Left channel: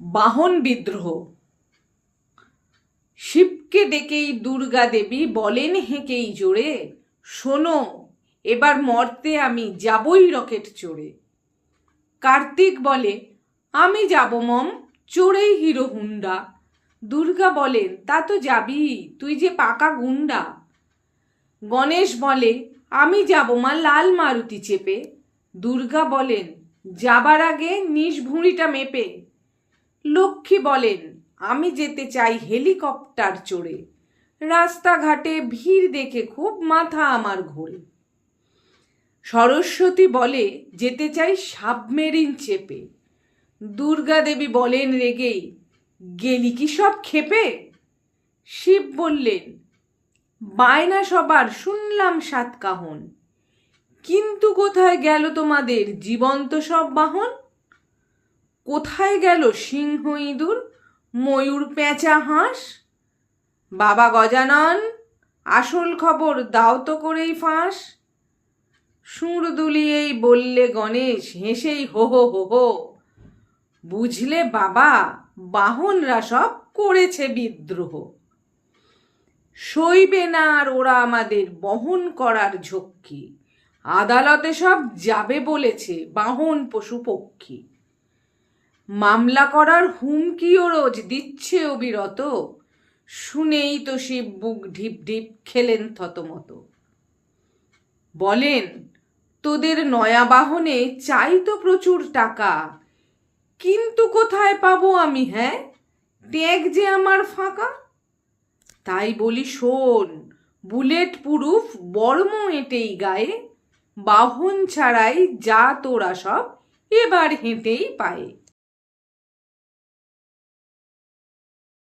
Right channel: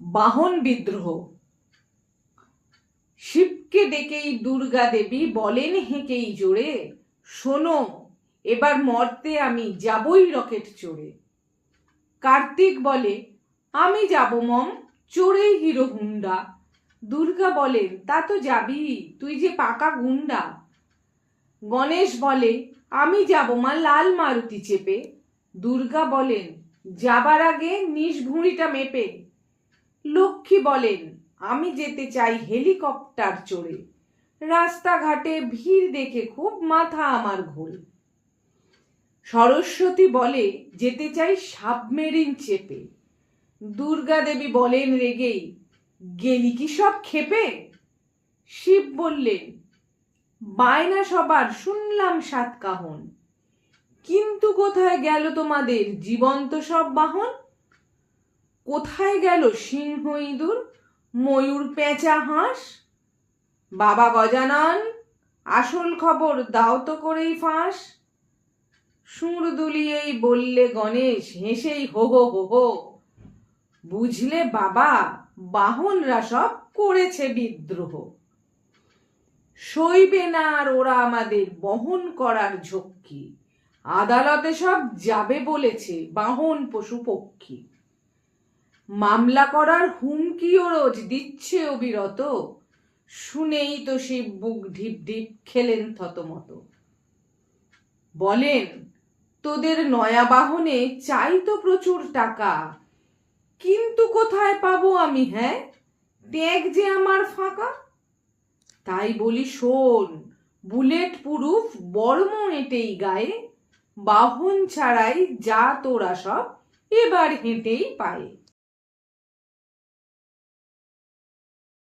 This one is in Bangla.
বাহন বিদ্রোহ। শিবকে ডেকেই দুর্গা দেবী বলেন হেঁকেই জোরে, শোনো এবার মর্তে আমি যাবই রকেট চড়ে। কার্তিক বলে, আমি যাব মম, চড়েই হিরো হুন্ডা। দুর্গা বলেন, তা তো যাবি, তুই যে পাকা গুন্ডা। গণেশ বলে, আমি যাব মা লাল মারুতি চেপে। দুর্গা বলেন, যাবার আগে নিজ ভুঁড়িটা মেপে। লক্ষ্মী বলেন, আমি যেতে চাই হেলিকপ্টার চড়ে। রাস্তাঘাটে ভিড় দেখে খুব মাথা আমার ঘোরে। সরস্বতী বলে, যেতে চাই সাবমেরিন চেপে। দুর্গা দেবী বলেন রেগেই, গেলি কি সব ক্ষেপে? শিব বললেন, বায়না সবার শুনলাম সাতকাহন, কিন্তু কোথায় গেল তোমাদের জীবন্ত সব বাহন? কোথায় গেল সিংহ ইঁদুর, ময়ূর পেঁচা হাঁস? বাবা গজানন, আসল খবর দাও তো করেই ফাঁস। সুর দুলিয়েই বললে গণেশ হেসেই হো হো হো হো, বুঝলে বাবা, বাহনরা সব করেছে বিদ্রোহ। সইবে না আর ওরা আমাদের বহন করার ঝক্কি, আদালতে সব যাবে বলেছে বাহন পশু পক্ষী। মামলা করার হুমকিও রোজ দিচ্ছে অবিরত, শুনেই তো শিব বুক ঢিপ ঢিপ খেলেন থতমত। বলেন, তোদের নয়া বাহনে চাই তো প্রচুর টাকা, কিন্তু কোথায় পাবো আমি, হ্যাঁ ট্যাগ যে আমার ফাঁকা। তাই বলি শোন, বুলেট প্রুফ বর্ম এঁটেই গায়ে, বাহন ছাড়াই যা তোরা সব এবার হেঁটেই পায়ে।